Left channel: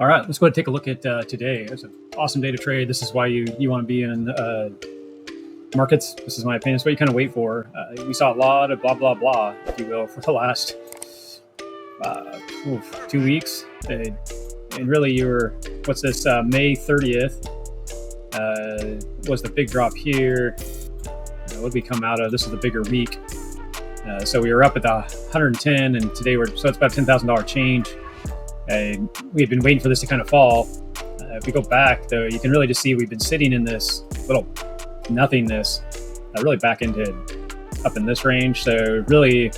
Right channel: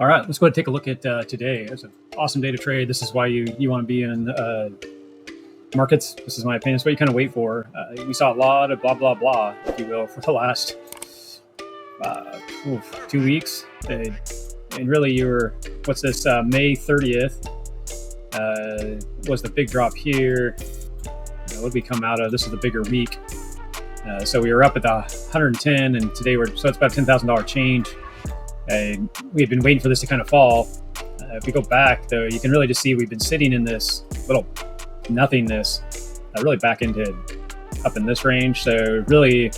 All right, let's go ahead and take a look at today. It's an awesome day to trade. This is why you want to be in markets. This is my opinion. It's what you kind of wait for. We saw a lot of blah, blah, blah, if you will, for the last 2 weeks. And really, what's this, May 30th was the big drop here. What did we come out of? This is the bigger week. So we were up at the 110, and today so it's about $10,000 change. We had been waiting for this to kind of fall. If we go back, though, you can really just see we've been sitting in this little nothingness, really back into up in this range. So really,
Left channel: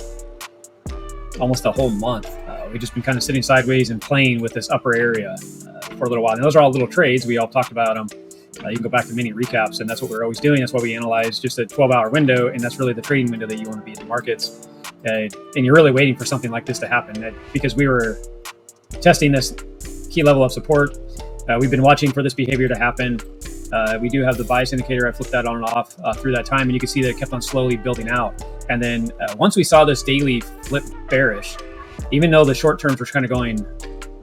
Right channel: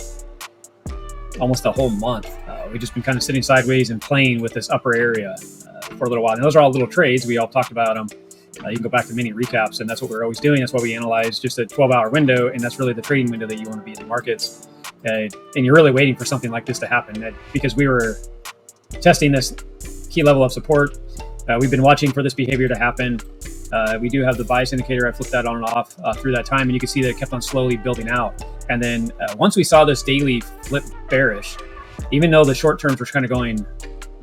almost a whole month, we've just been kind of sitting sideways and playing with this upper area for a little while. And those are all little trades. We all talked about them. You can go back to mini recaps, and that's what we're always doing. That's why we analyze just a 12-hour window, and that's really the trading window that you want to be in the markets. And you're really waiting for something like this to happen, because we were testing this key level of support. We've been watching for this behavior to happen. We do have the bias indicator. I flipped that on and off through that time, and you can see that it kept on slowly building out. And then once we saw this daily flip bearish, even though the short terms were kind of going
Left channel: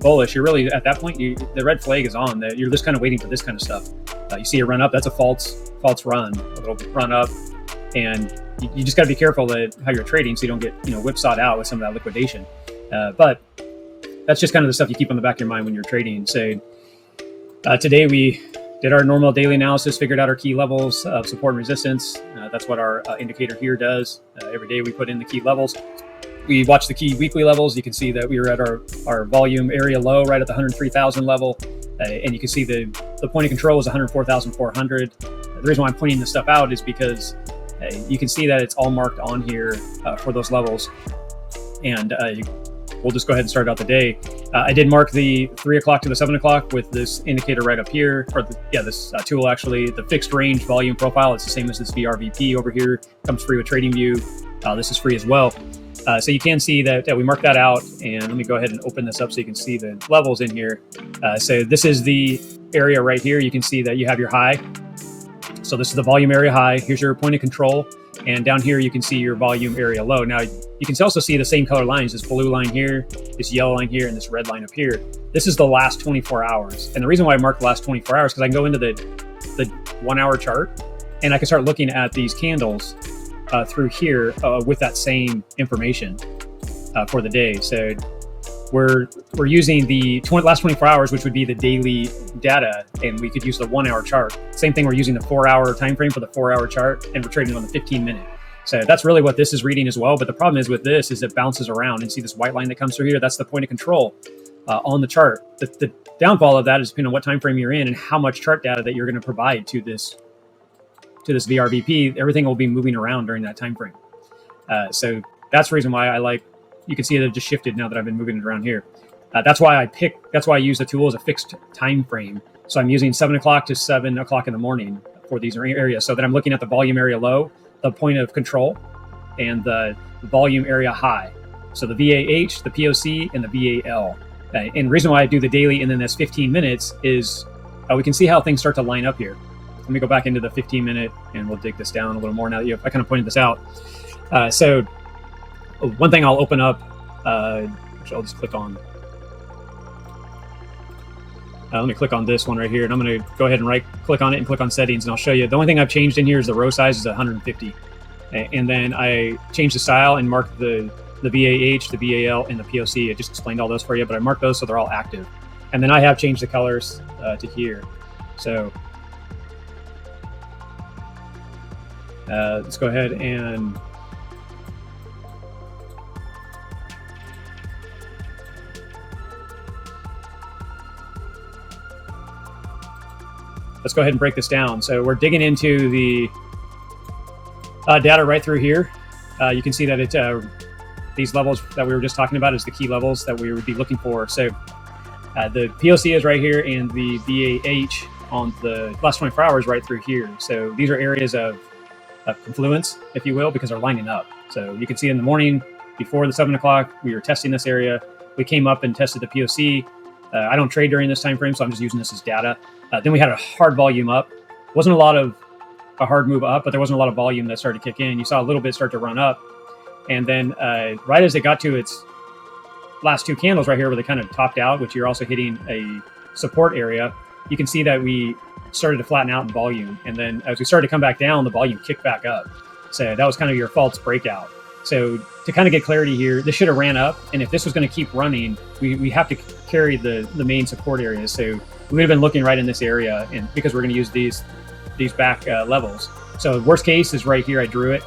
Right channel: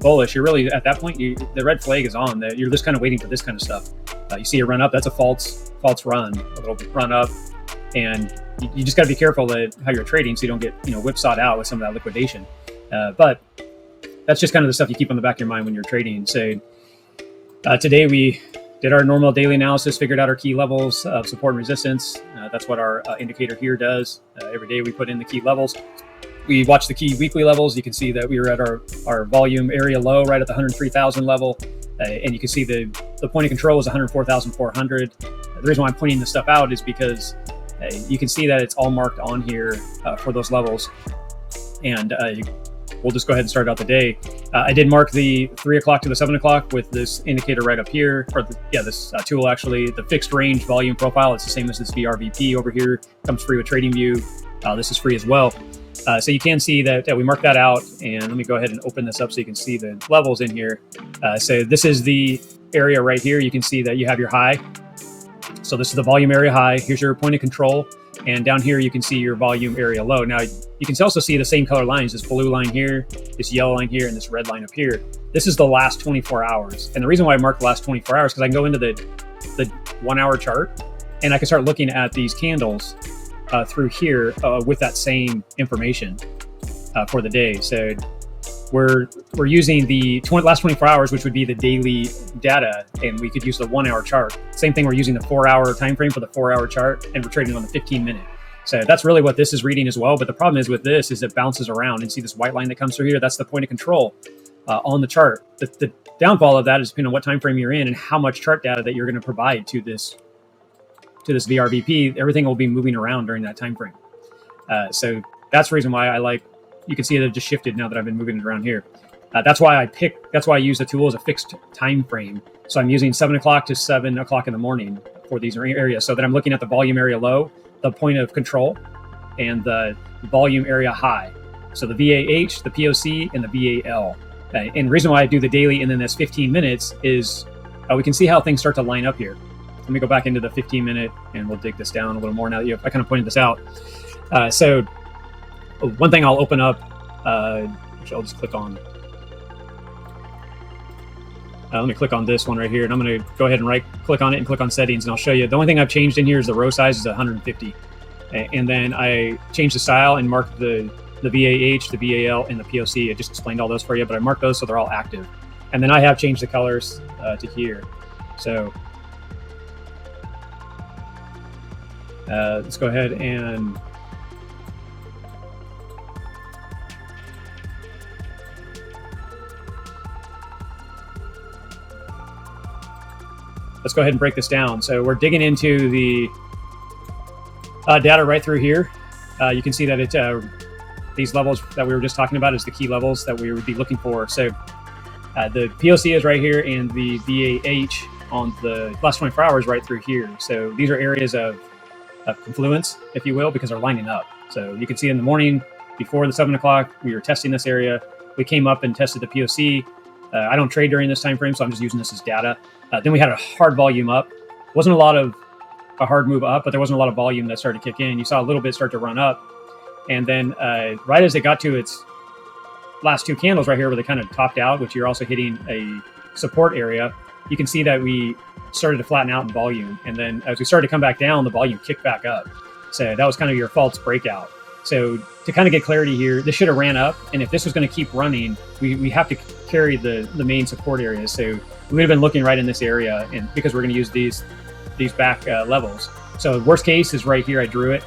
bullish, you're really at that point, the red flag is on. You're just kind of waiting for this kind of stuff. You see a run up, that's a false run. Run up, and you just got to be careful how you're trading so you don't get whipsawed out with some of that liquidation. But that's just kind of the stuff you keep on the back of your mind when you're trading. So today we did our normal daily analysis, figured out our key levels, support and resistance. That's what our indicator here does. Every day we put in the key levels. We watched the key weekly levels. You can see that we were at our volume area low right at the 103,000 level. And you can see the point of control was 104,400. The reason why I'm pointing this stuff out is because you can see that it's all marked on here for those levels. And we'll just go ahead and start out the day. I did mark the 3 o'clock to the 7 o'clock with this indicator right up here. This tool actually, the fixed range volume profile. It's the same as this VRVP over here. Comes free with TradingView. This is free as well. So you can see that we marked that out, and let me go ahead and open this up so you can see the levels in here. So this is the area right here. You can see that you have your high. So this is the volume area high. Here's your point of control. And down here, you can see your volume area low. Now, you can also see the same color lines, this blue line here, this yellow line here, and this red line up here. This is the last 24 hours. And the reason why I marked the last 24 hours, because I can go into the 1 hour chart, and I can start looking at these candles through here with that same information for the day. So we're using the last 24 hours, which would be the daily data, and we could use the 1 hour chart. Same thing, we're using the 4 hour time frame for the 4 hour chart, and we're trading on the 15 minute. So that's really what this is reading as well. But the problem is with this is it bounces around. You see this white line that comes through here? That's the point of control on the chart. The downfall of that is depending on what time frame you're in and how much chart data that you're going to provide to this VRVP. Everything will be moving around during that time frame. So that's the reason why you can see that it just shifted now that I've been moving it around here. That's why I use the tool as a fixed time frame. So I'm using 7 o'clock to 7 o'clock in the morning for these areas, so that I'm looking at the volume area low, the point of control, and the volume area high. So the VAH, the POC, and the VAL. And the reason why I do the daily and then that's 15 minutes is we can see how things start to line up here. Let me go back into the 15 minute, and we'll dig this down a little more now that I kind of pointed this out. So one thing I'll open up, which I'll just click on. Let me click on this one right here, and I'm going to go ahead and right click on it and click on settings, and I'll show you. The only thing I've changed in here is the row size is 150. And then I changed the style and marked the VAH, the VAL, and the POC. I just explained all those for you, but I marked those so they're all active. And then I have changed the colors to here. So let's go ahead and break this down. So we're digging into the data right through here. You can see that it's these levels that we were just talking about is the key levels that we would be looking for. So the POC is right here, and the VAH on the last 24 hours right through here. So these are areas of confluence, if you will, because they're lining up. So you can see in the morning before the 7 o'clock, we were testing this area. We came up and tested the POC. I don't trade during this time frame, so I'm just using this as data. Then we had a hard volume up. Wasn't a hard move up, but there wasn't a lot of volume that started kicking in. You saw a little bit start to run up. And then right as it got to its last two candles right here where they kind of topped out, which you're also hitting a support area, you can see that we started to flatten out in volume. And then as we started to come back down, the volume kicked back up. So that was kind of your false breakout. So to kind of get clarity here, this should have ran up. And if this was going to keep running, we have to carry the main support area. So we've been looking right in this area, and because we're going to use these back levels. So worst case is right here. I drew it.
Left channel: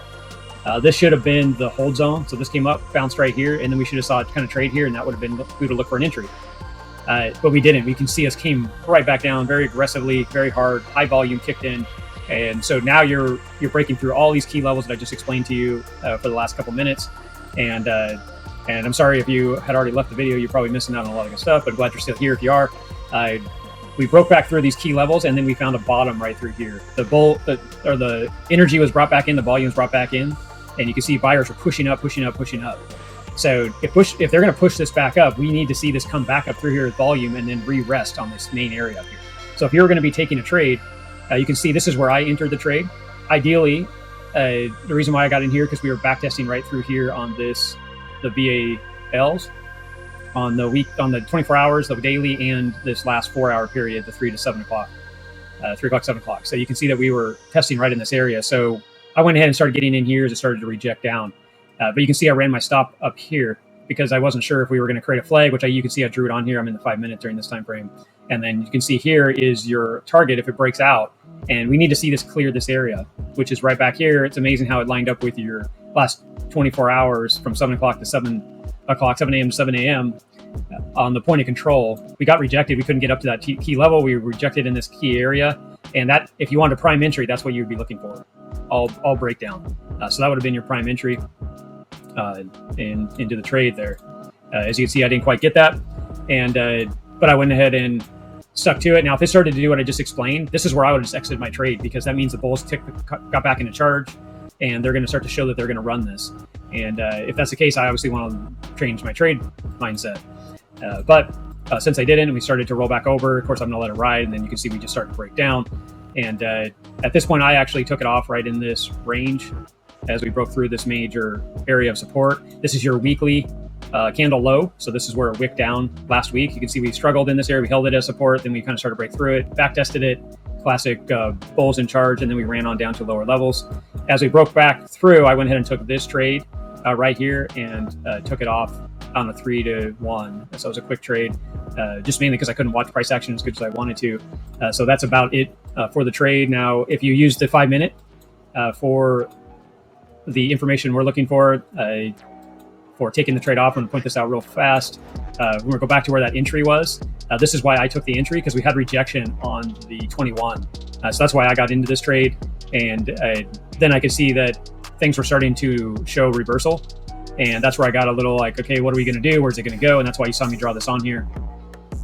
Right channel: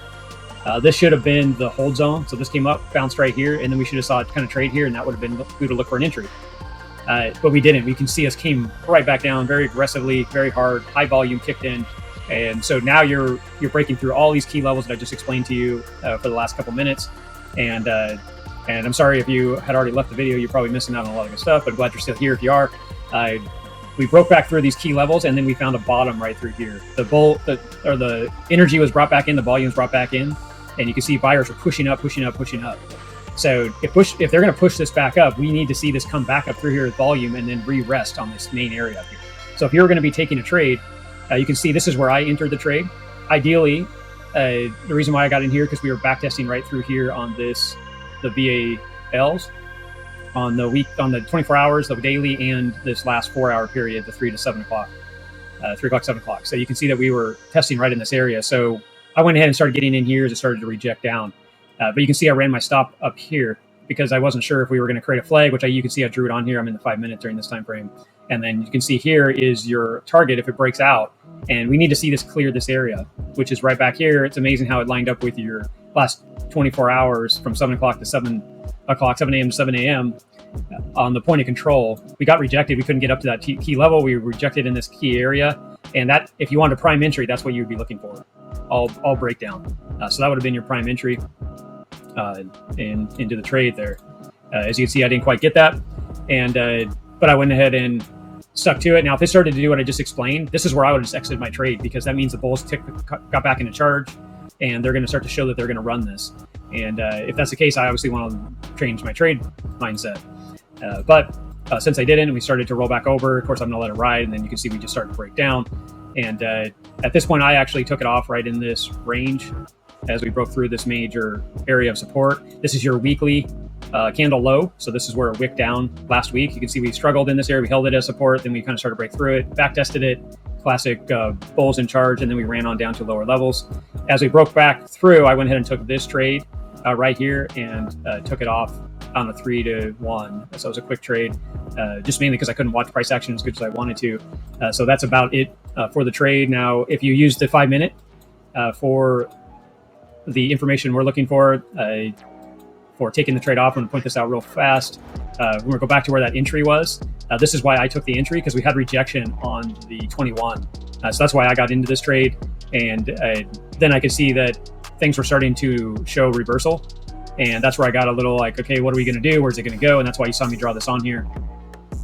This should have been the hold zone. So this came up, bounced right here, and then we should have saw it kind of trade here, and that would have been we to look for an entry. But we didn't. We can see us came right back down very aggressively, very hard, high volume kicked in. And so now you're breaking through all these key levels that I just explained to you for the last couple minutes. And I'm sorry if you had already left the video, you're probably missing out on a lot of good stuff, but glad you're still here if you are. We broke back through these key levels, and then we found a bottom right through here. The energy was brought back in, the volume was brought back in, and you can see buyers are pushing up, pushing up, pushing up. So if they're going to push this back up, we need to see this come back up through here with volume and then re-rest on this main area up here. So if you're going to be taking a trade, you can see this is where I entered the trade. Ideally, the reason why I got in here because we were backtesting right through here on the VALs on the 24 hours of daily and this last 4-hour period, the 3 to 7 o'clock, 3 o'clock, 7 o'clock. So you can see that we were testing right in this area. So I went ahead and started getting in here as it started to reject down. But you can see I ran my stop up here because I wasn't sure if we were going to create a flag, which you can see I drew it on here. I'm in the 5 minute during this time frame. And then you can see here is your target if it breaks out. And we need to see this clear this area, which is right back here. It's amazing how it lined up with your last 24 hours from 7 o'clock to 7 o'clock, 7 a.m. to 7 a.m. On the point of control. We got rejected. We couldn't get up to that key level. We were rejected in this key area. And that, if you wanted a prime entry, that's what you would be looking for. All breakdown. So that would have been your prime entry into the trade there. As you can see, I didn't quite get that. But I went ahead and stuck to it. Now, if it started to do what I just explained, this is where I would just exit my trade because that means the bulls got back into charge and they're going to start to show that they're going to run this. And if that's the case, I obviously want to change my trade mindset. But since I didn't, we started to roll back over. Of course, I'm going to let it ride. And then you can see we just started to break down. And at this point, I actually took it off right in this range as we broke through this major area of support. This is your weekly candle low. So this is where it wicked down last week. You can see we struggled in this area. We held it as support. Then we kind of started to break through it, back tested it, classic bulls in charge. And then we ran on down to lower levels. As we broke back through, I went ahead and took this trade right here and took it off on the 3 to 1. So it was a quick trade, just mainly because I couldn't watch price action as good as I wanted to. So that's about it for the trade. Now, if you use the 5 minute for the information we're looking for taking the trade off, I'm going to point this out real fast. We're going to go back to where that entry was. This is why I took the entry, because we had rejection on the 21. So that's why I got into this trade. And then I could see that things were starting to show reversal. And that's where I got a little like, okay, what are we going to do? Where's it going to go? And that's why you saw me draw this on here.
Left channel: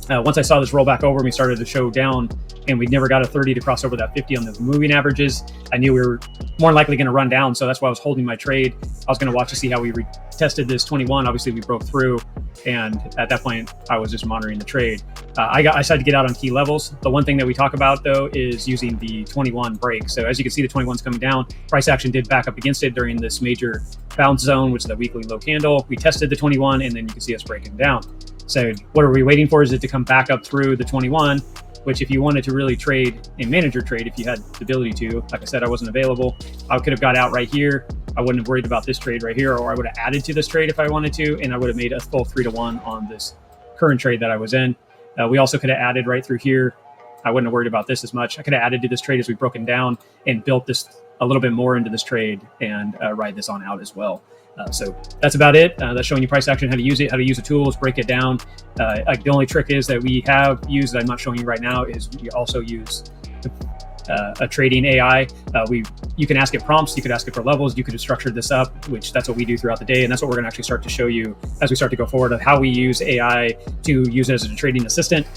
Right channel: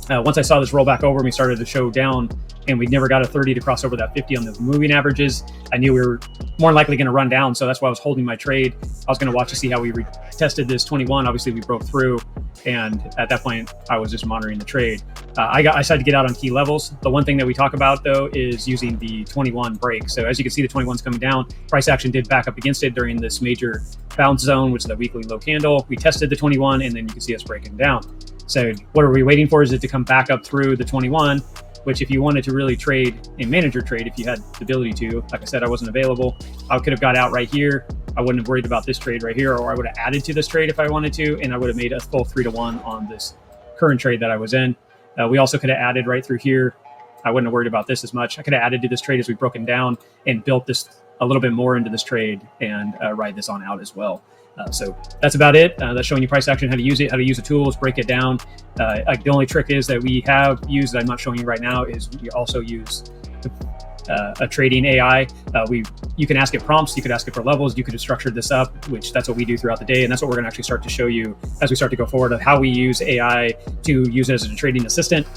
Once I saw this roll back over, we started to show down, and we never got a 30 to cross over that 50 on the moving averages. I knew we were more likely going to run down, so that's why I was holding my trade. I was going to watch to see how we tested this 21. Obviously, we broke through, and at that point, I was just monitoring the trade. I decided to get out on key levels. The one thing that we talk about, though, is using the 21 break. So as you can see, the 21's coming down. Price action did back up against it during this major bounce zone, which is that weekly low candle. We tested the 21, and then you can see us breaking down. So what are we waiting for? Is it to come back up through the 21, which if you wanted to really trade and manage your trade, if you had the ability to, like I said, I wasn't available. I could have got out right here. I wouldn't have worried about this trade right here, or I would have added to this trade if I wanted to, and I would have made a full 3 to 1 on this current trade that I was in. We also could have added right through here. I wouldn't have worried about this as much. I could have added to this trade as we broken down and built this a little bit more into this trade and ride this on out as well. So that's about it. That's showing you price action, how to use it, how to use the tools, break it down. The only trick is that we have used, and I'm not showing you right now, is we also use the trading AI. You can ask it prompts, you could ask it for levels, you could have structured this up, which that's what we do throughout the day. And that's what we're going to actually start to show you as we start to go forward of how we use AI to use it as a trading assistant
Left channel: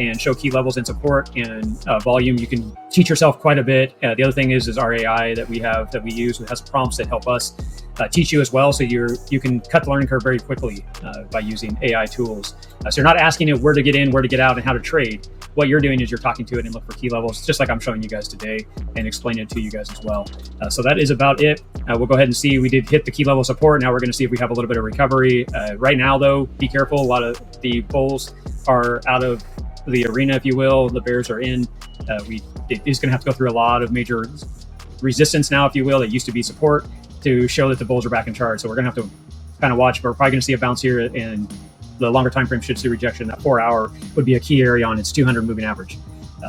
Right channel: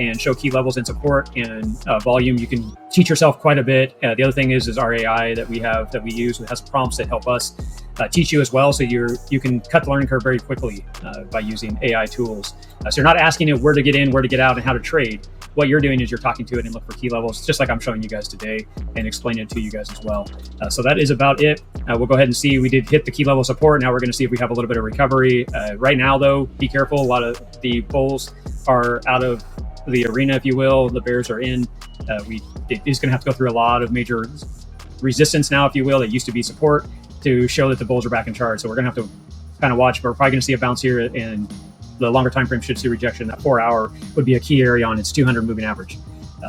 and show key levels in support and volume, you can teach yourself quite a bit. The other thing is our AI that we use that has prompts that help us teach you as well. So you can cut the learning curve very quickly by using AI tools. So you're not asking it where to get in, where to get out, and how to trade. What you're doing is you're talking to it and look for key levels, just like I'm showing you guys today, and explain it to you guys as well. So that is about it. We'll go ahead and see. We did hit the key level support. Now we're going to see if we have a little bit of recovery. Right now, though, be careful. A lot of the bulls are out of the arena, if you will. The bears are in. It is going to have to go through a lot of major resistance now, if you will. It used to be support to show that the bulls are back in charge. So we're going to have to kind of watch. We're probably going to see a bounce here, and the longer time frame should see rejection. That 4 hour would be a key area on its 200 moving average.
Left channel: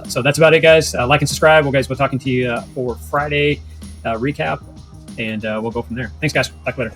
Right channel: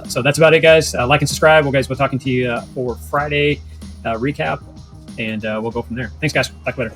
So that's about it, guys. Like and subscribe. We'll talking to you for Friday recap, and we'll go from there. Thanks, guys. Talk later.